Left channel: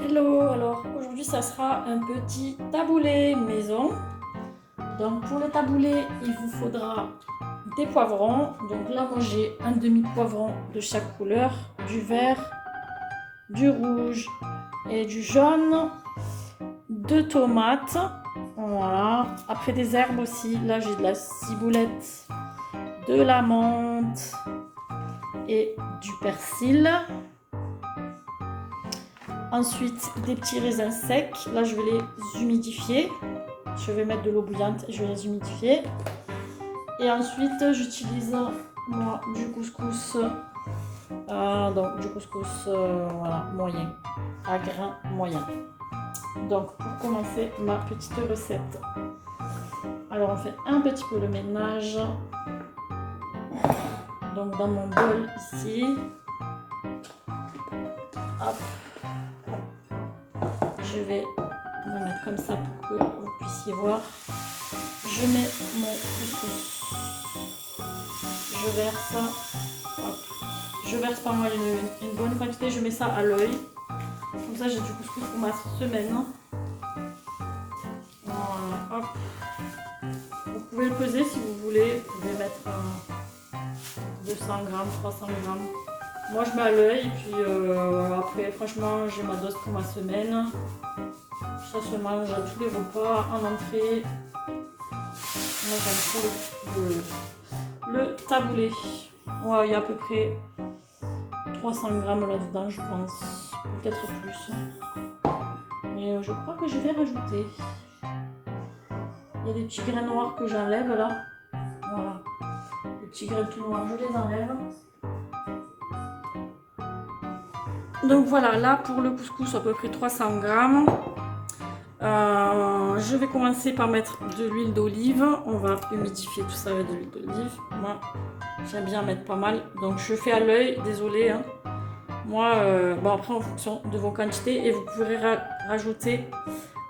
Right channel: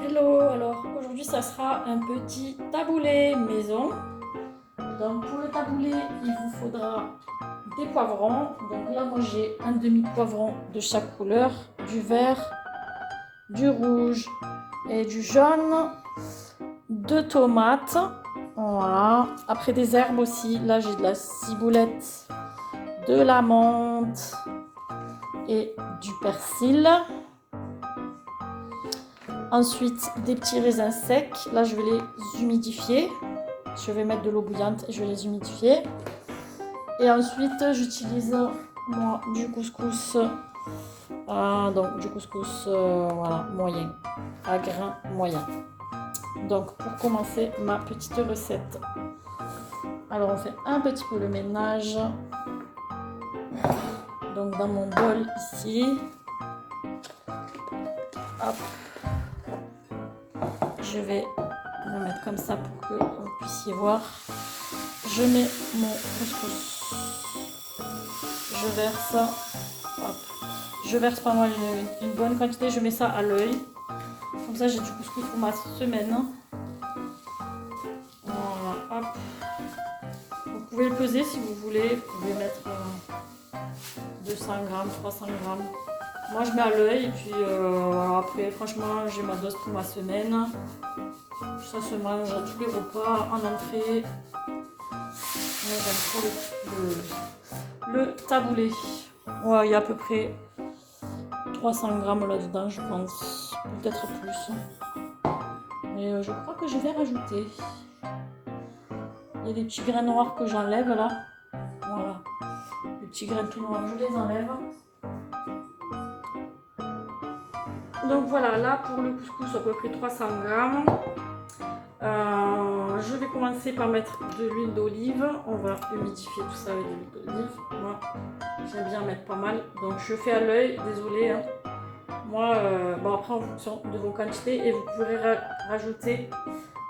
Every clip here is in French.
Hello, alors aujourd'hui ça sera un petit taboulé maison. Donc pour le taboulé, il vous faudra des poivrons. Donc là moi j'ai un demi-poivron de chaque couleur, du vert, du rouge et du jaune, deux tomates, voilà. Après des herbes aussi, là j'ai de la ciboulette, de la menthe et du persil. Ensuite, des petits raisins secs. Là, je vais les humidifier. Je vais mettre de l'eau bouillante et je vais les humidifier. Et ensuite, j'utilise moi du couscous. Donc, du couscous voilà, moyen, à grains moyen. Donc, pour commencer ma petite recette. Alors, on fait un petit peu le ménage. Donc, dans mon bol ici. Hop. Je vais le mettre comme ça pour que vous puissiez voir. Je mets mon couscous. Je verse. Hop. Je verse pas mal une bonne quantité. Je mets ça à l'œil. Comme ça, j'ai du couscous pour ma semaine. Voilà. Hop. Vous pouvez le peser si vous voulez. Vous pouvez mettre 200 grammes, 300 grammes. Moi, je mets à l'œil. Et puis, voilà, après, franchement, j'ai ma dose pour ma semaine. Ça se mange à tous les repas, en entrée. Moi, j'aime trop le taboulé. Ouais, il y a à peu près 300 grammes là-dedans, je pense. Peut-être plus. Mais je crois que je vais rajouter. Il y a des petits grains noirs que j'enlève là. Voilà. Les petits grains tout noirs, je les enlève. Donc voilà, là pour le couscous, à peu près 300 grammes. Je vais commencer par mettre de l'huile d'olive. On va humidifier tout ça avec de l'huile d'olive. Moi, j'aime bien mettre pas mal. Donc je fais à l'œil, désolé. Hein. Moi, bon après en fonction de vos quantités. Et vous pourrez rajouter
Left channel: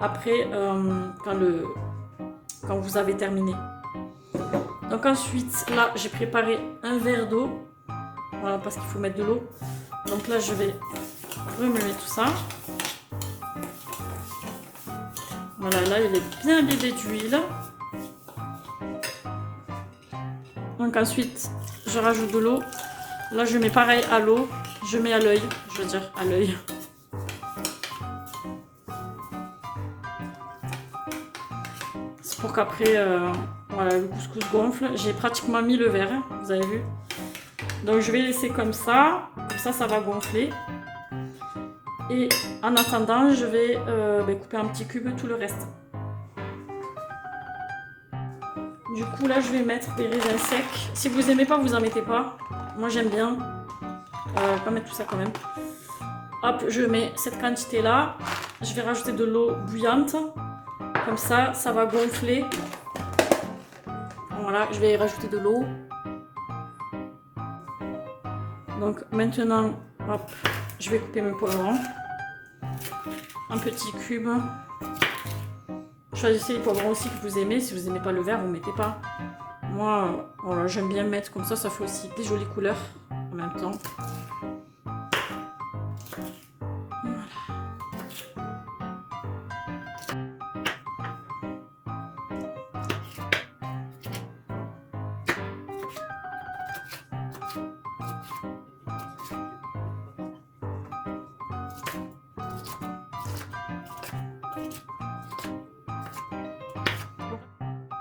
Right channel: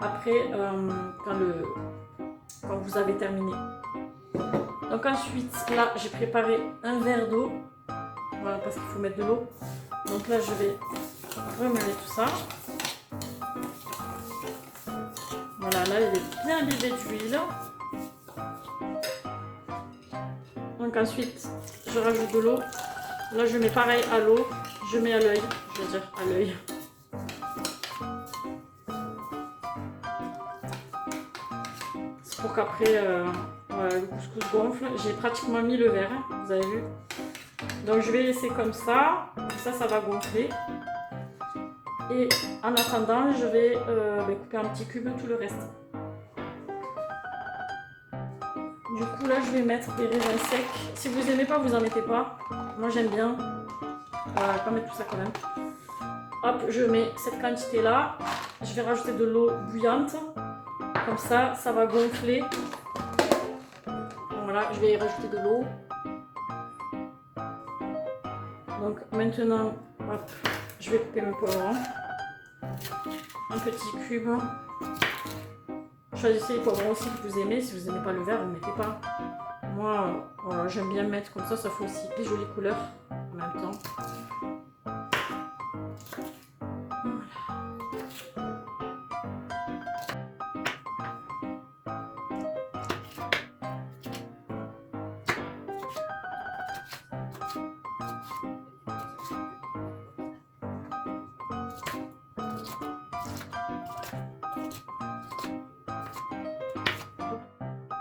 après quand vous avez terminé. Donc ensuite, là j'ai préparé un verre d'eau. Voilà, parce qu'il faut mettre de l'eau. Donc là je vais remuer tout ça. Voilà, là il est bien imbibé d'huile. Donc ensuite, je rajoute de l'eau. Là, je mets pareil à l'eau. Je mets à l'œil, je veux dire à l'œil. C'est pour qu'après, voilà, le couscous gonfle. J'ai pratiquement mis le verre, vous avez vu. Donc je vais laisser comme ça. Comme ça, ça va gonfler. Et en attendant, je vais couper en petits cubes tout le reste. Du coup, là, je vais mettre des raisins secs. Si vous n'aimez pas, vous en mettez pas. Moi, j'aime bien. Pas mettre tout ça quand même. Hop, je mets cette quantité-là. Je vais rajouter de l'eau bouillante. Comme ça, ça va gonfler. Voilà, je vais y rajouter de l'eau. Donc maintenant, hop, je vais couper mes poivrons en petits cubes. Choisissez les poivrons aussi que vous aimez. Si vous n'aimez pas le vert, vous ne mettez pas. Moi, voilà, j'aime bien mettre comme ça. Ça fait aussi des jolies couleurs en même temps.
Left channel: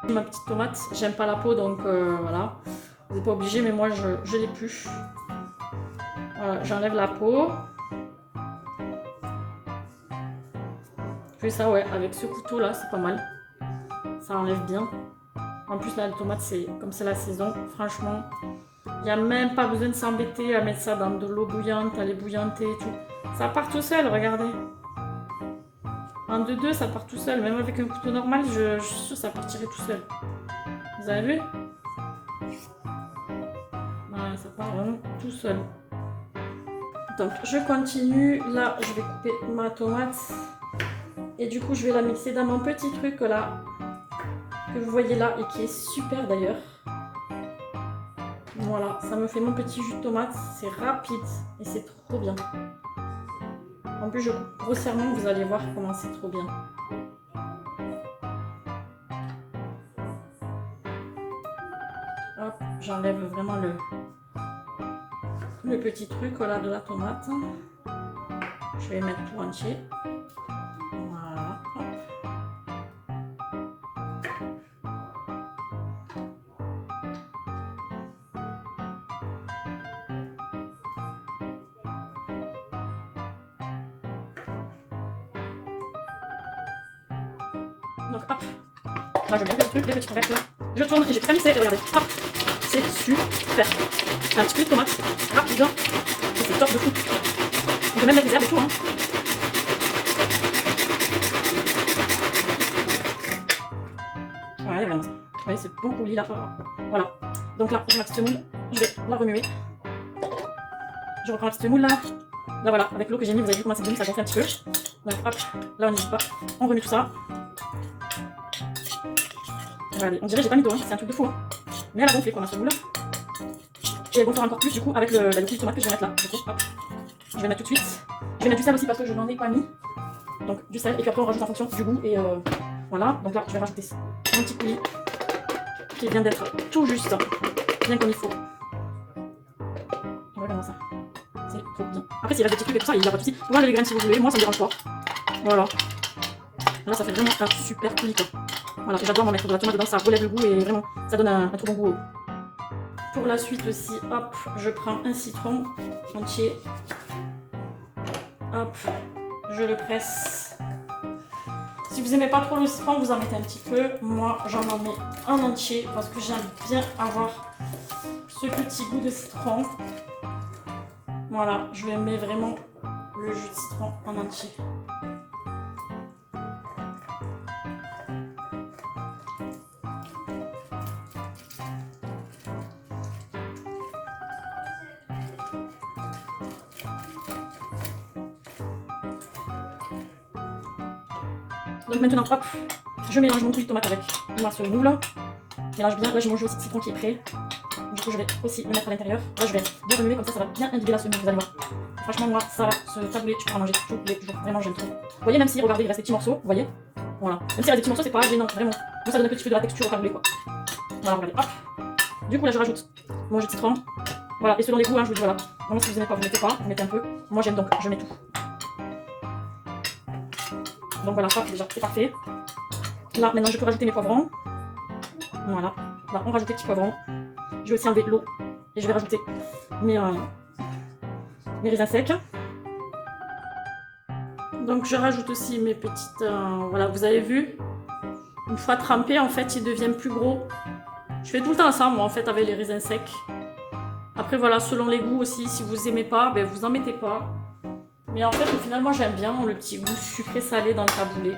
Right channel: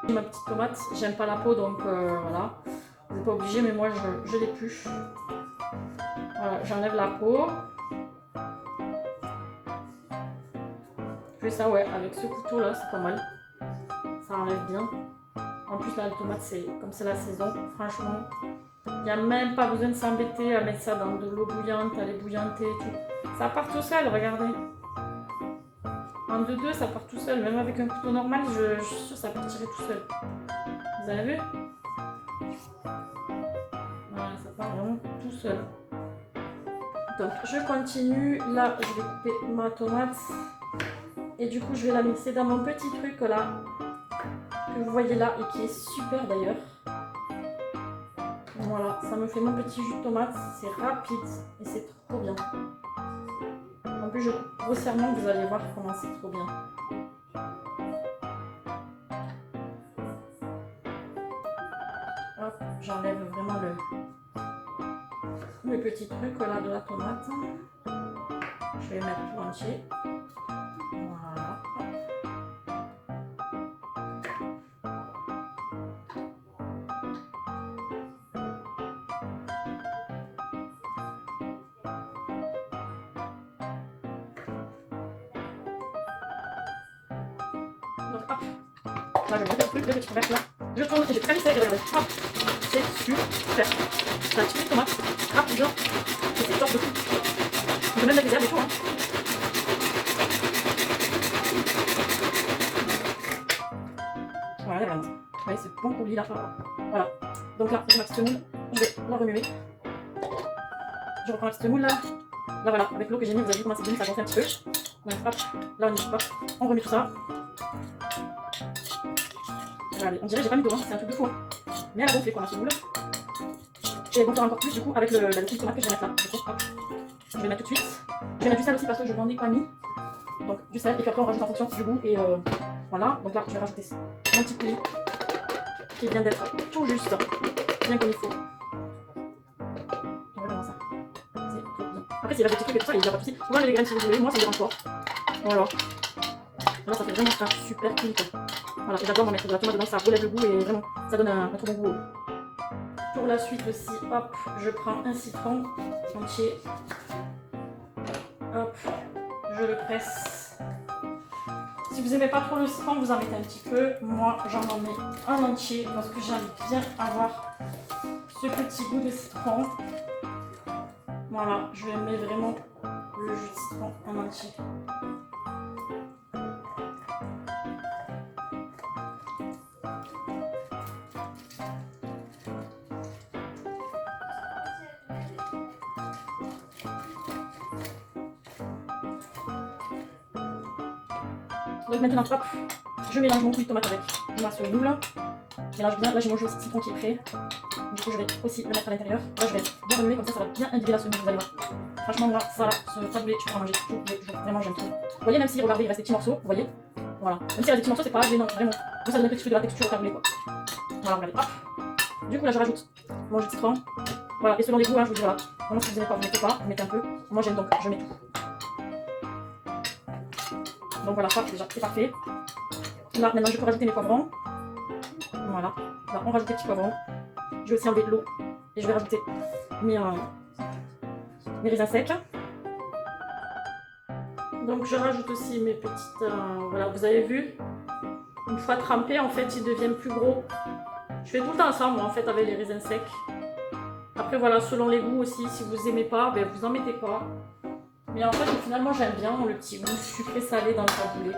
Ma petite tomate, j'aime pas la peau donc voilà, vous n'êtes pas obligé, mais moi je l'épluche. Voilà, j'enlève la peau. Je fais ça, ouais, avec ce couteau là, c'est pas mal. Ça enlève bien. En plus, là, la tomate, c'est comme c'est la saison, franchement, il n'y a même pas besoin de s'embêter à mettre ça dans de l'eau bouillante, à les bouillanter et tout. Ça part tout seul, regardez. En 2-2, ça part tout seul. Même avec un couteau normal, je suis sûre que ça partirait tout seul. Vous avez vu? Voilà, ça part vraiment tout seul. Donc, je continue. Là, je vais couper ma tomate. Et du coup, je vais la mixer dans mon petit truc là. Que vous voyez là et qui est super d'ailleurs. Voilà, ça me fait mon petit jus de tomate. C'est rapide et c'est trop bien. En plus, je coupe grossièrement, vous allez voir comment c'est trop bien. Hop, j'enlève vraiment le petit truc là de la tomate. Je vais mettre tout entier. Voilà. Donc hop, là je mets le truc, le petit couvercle là. Je tourne et j'ai très vissé, regardez. Hop, c'est super. C'est un petit peu de tomate, rapide. Et c'est top. On peut mettre des herbes et tout. Hein. Voilà, vraiment. Vous voyez, c'est bon coulis là. Voilà. Donc là, j'ai ma petite semoule. Je vais la remuer. Je reprends la petite semoule là. Là voilà, avec l'eau que j'ai mis, vous avez vu comment c'est glisse, ça gonfle un petit peu. Donc hop, là on n'hésite pas. On remue tout ça. Regardez, on dirait que j'ai pas mis d'eau, hein. C'est un truc de fou. Hein. Mais elle a gonflé quoi ma semoule. Je vais gonfler encore plus du coup avec le coulis de tomate que je vais mettre là. Hop. Je vais mettre tout de suite. Je vais mettre du sel aussi parce que je n'en ai pas mis. Donc du sel et puis après on rajoute en fonction du goût et voilà. Donc là je vais rajouter mon petit coulis qui vient d'être tout juste bien comme il faut. Voilà ça. C'est trop bien. Après s'il reste des petits trucs et tout ça, il n'y a pas de souci. Vous pouvez les graines si vous voulez, moi ça me dérange pas. Voilà. Là ça fait vraiment un super coulis quoi. Voilà, j'adore m'en mettre de la tomate dedans, ça relève le goût et vraiment ça donne un trop bon goût. Pour la suite aussi, hop, je prends un citron entier. Hop, je le presse. Si vous n'aimez pas trop le citron, vous en mettez un petit peu. Moi, j'en mets un entier parce que j'aime bien avoir ce petit goût de citron. Voilà, je vais mettre vraiment le jus de citron en entier. Donc maintenant, hop, je mélange mon coulis de tomate avec la sauce double. Je mélange bien. Là, j'ai mon jus de citron qui est prêt. Du coup, je vais aussi le mettre à l'intérieur. Là, je vais remuer comme ça va bien imbiber la sauce. Vous allez voir. Franchement, moi, ça, ce taboulé, tu peux en manger tous les jours. Vraiment, j'aime trop. Vous voyez, même si, regardez, il reste des petits morceaux. Vous voyez. Voilà. Même s'il reste des petits morceaux, c'est pas gênant, vraiment. Donc, ça donne un petit peu de la texture au taboulé, quoi. Voilà, regardez. Hop. Du coup, là, je rajoute mon jus de citron. Voilà. Et selon les goûts, hein, je vous dis, voilà. Vraiment, si vous n'aimez pas, vous mettez pas. Vous mettez un peu. Moi, j'aime donc, je mets tout. Donc voilà, ça déjà c'est parfait. Là maintenant je peux rajouter mes poivrons. Voilà, là on rajoute des petits poivrons. Je vais aussi enlever l'eau et je vais rajouter mes raisins secs. Donc je rajoute aussi mes petites, voilà, vous avez vu, une fois trempés en fait ils deviennent plus gros. Je fais tout le temps ça moi en fait avec les raisins secs. Après voilà, selon les goûts aussi, si vous aimez pas, ben, vous en mettez pas. Mais en fait, finalement, j'aime bien le petit goût sucré-salé dans le taboulé.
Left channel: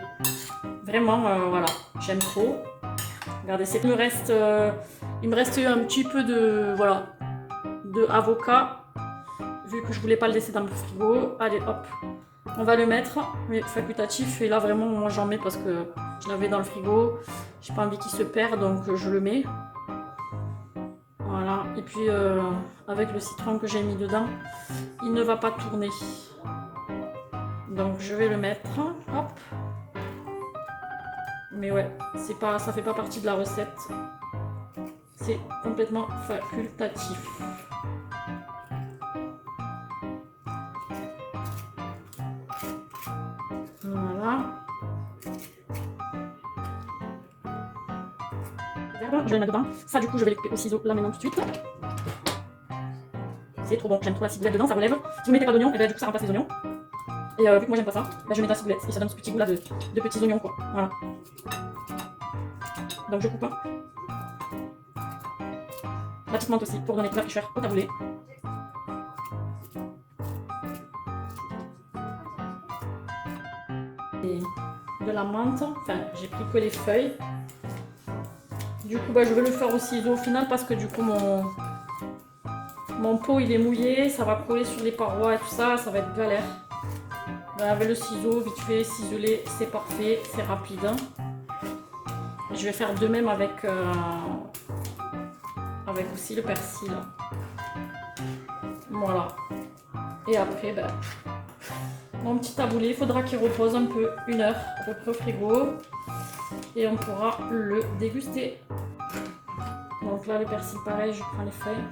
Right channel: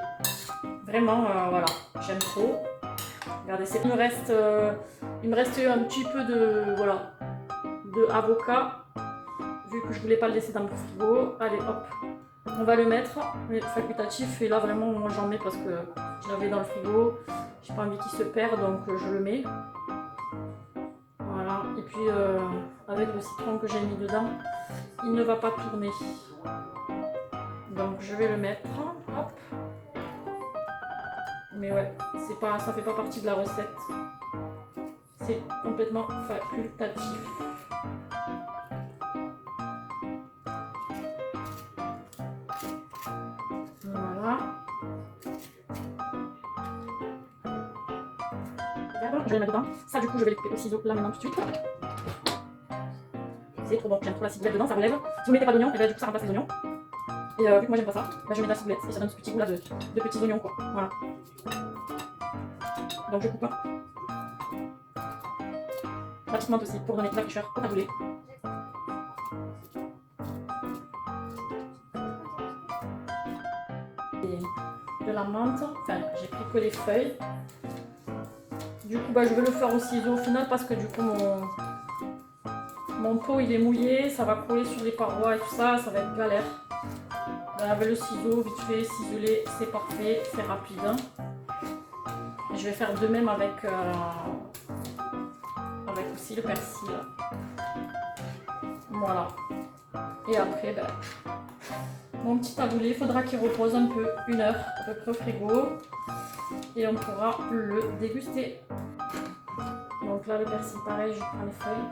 Vraiment, voilà, j'aime trop. Regardez, il me reste un petit peu de, voilà, de avocat, vu que je voulais pas le laisser dans le frigo. Allez, hop, on va le mettre, mais facultatif. Et là, vraiment, moi, j'en mets parce que je l'avais dans le frigo. J'ai pas envie qu'il se perde, donc je le mets. Voilà, et puis avec le citron que j'ai mis dedans, il ne va pas tourner. Donc je vais le mettre, hop. Mais ouais, ça fait pas partie de la recette. C'est complètement facultatif. Voilà. Voilà, je vais le mettre dedans. Ça du coup je vais le couper au ciseau là maintenant tout de suite. C'est trop bon, j'aime trop la ciboulette dedans, ça relève. Si vous mettez pas d'oignons, et bien du coup ça remplace les oignons. Et vu que moi j'aime pas ça, ben je mets de la ciboulette et ça donne ce petit goût là de petits oignons quoi. Voilà. Donc je coupe la petite menthe aussi pour donner ma fraîcheur au taboulé. Et de la menthe, enfin j'ai pris que les feuilles. Du coup bah, je vais le faire au ciseau au final parce que du coup mon pot il est mouillé, ça va coller sur les parois et tout ça, ça va être galère. Avec le ciseau, vite fait, ciselé, c'est parfait, c'est rapide. Et je vais faire de même avec aussi le persil. Voilà. Et après, ben, Mon petit taboulé, il faudra qu'il repose un peu, 1 heure à peu près au frigo. Et on pourra le déguster. Donc là, le persil, pareil, je prends les feuilles.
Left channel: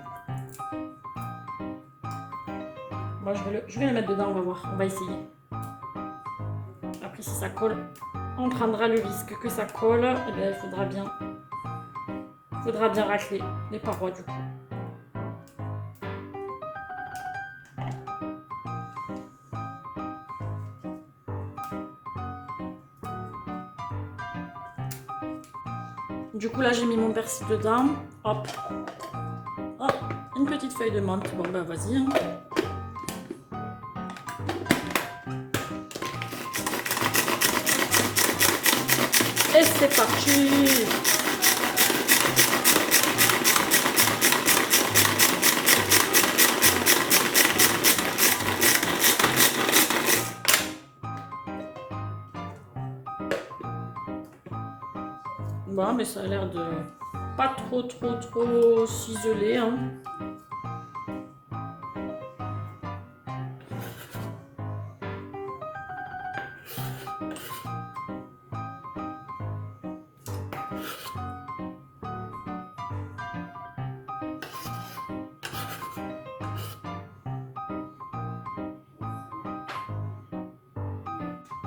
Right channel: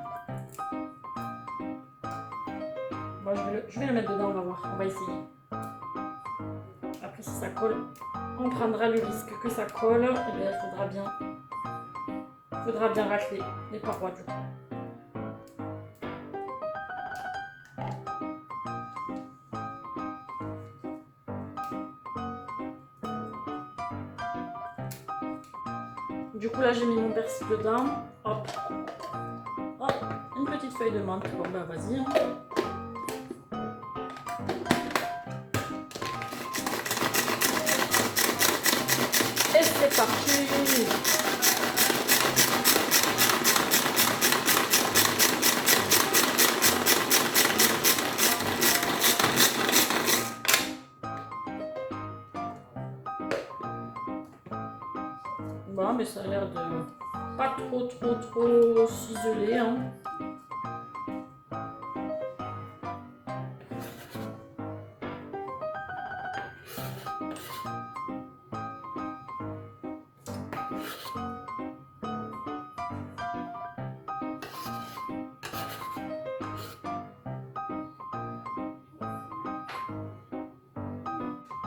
Moi, je vais le mettre dedans, on va voir, on va essayer. Après, si ça colle, on prendra le risque que ça colle. Et bien, il faudra bien racler les parois du coup. Du coup, là, j'ai mis mon persil dedans. Hop. Hop. Une petite feuille de menthe. Bon, ben, vas-y. Hein. Et c'est parti. Bon, mais ça a l'air de pas trop ciseler. Hein.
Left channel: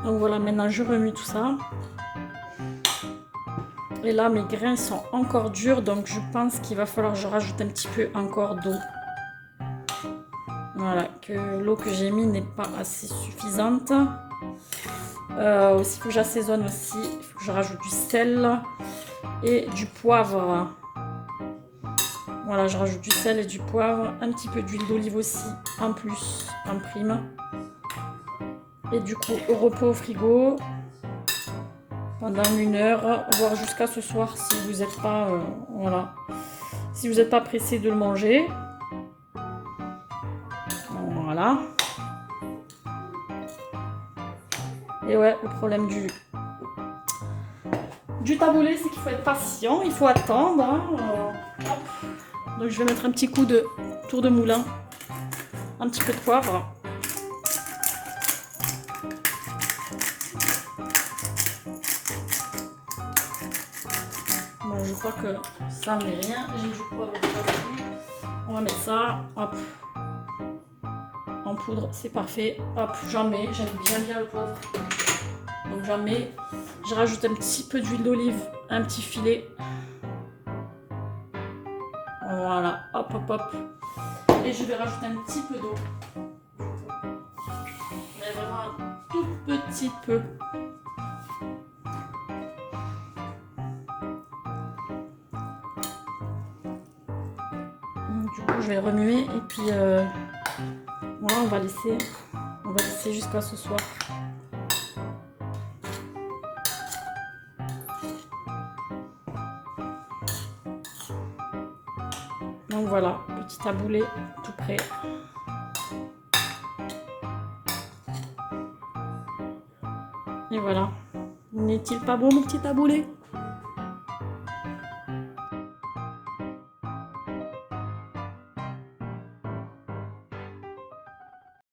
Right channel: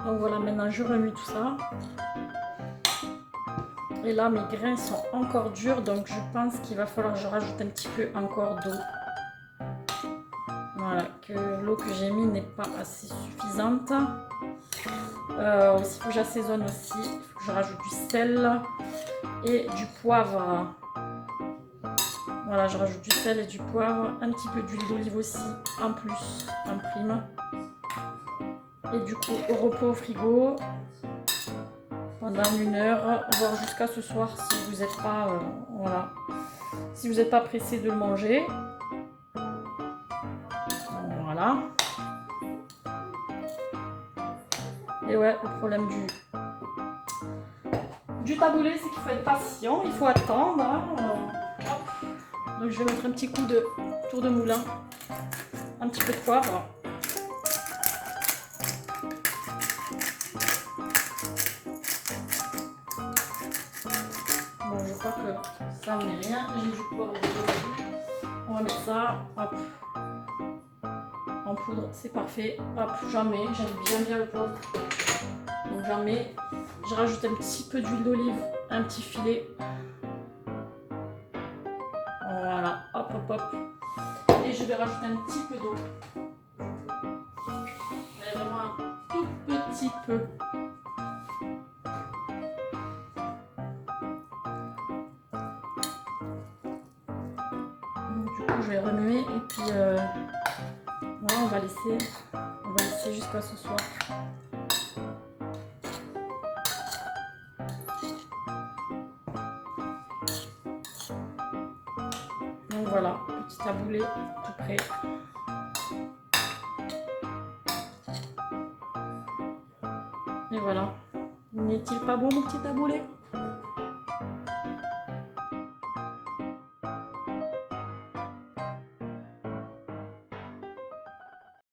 Donc voilà, maintenant je remue tout ça. Et là, mes grains sont encore durs, donc je pense qu'il va falloir que je rajoute un petit peu encore d'eau. Voilà, que l'eau que j'ai mis n'est pas assez suffisante. Aussi, il faut que j'assaisonne aussi. Il faut que je rajoute du sel et du poivre. Voilà, je rajoute du sel et du poivre. Un petit peu d'huile d'olive aussi, en plus, en prime. Et du coup, au repos au frigo pendant 1 heure, voire jusqu'à ce soir si vous n'êtes pas, voilà, si vous n'êtes pas pressé de le manger. Voilà. Et ouais, le problème du taboulé, c'est qu'il faut être patient, il faut attendre. Hein. Donc je vais mettre un petit coup de tour de moulin, un petit peu de poivre. Bon, je crois que ça ne met rien. J'ai du poivre dessus. On va mettre ça, hop, en poudre, c'est parfait. Hop, j'en mets, j'aime bien le poivre. Donc j'en mets, je rajoute un petit peu d'huile d'olive, un petit filet. Voilà, hop, hop, hop. Et je vais rajouter un petit peu d'eau. Mais vraiment un tout petit peu. Du coup, je vais remuer et puis voilà, on va laisser jusqu'à ce soir. Donc voilà, petit taboulé tout prêt. Et voilà. N'est-il pas bon mon petit taboulé?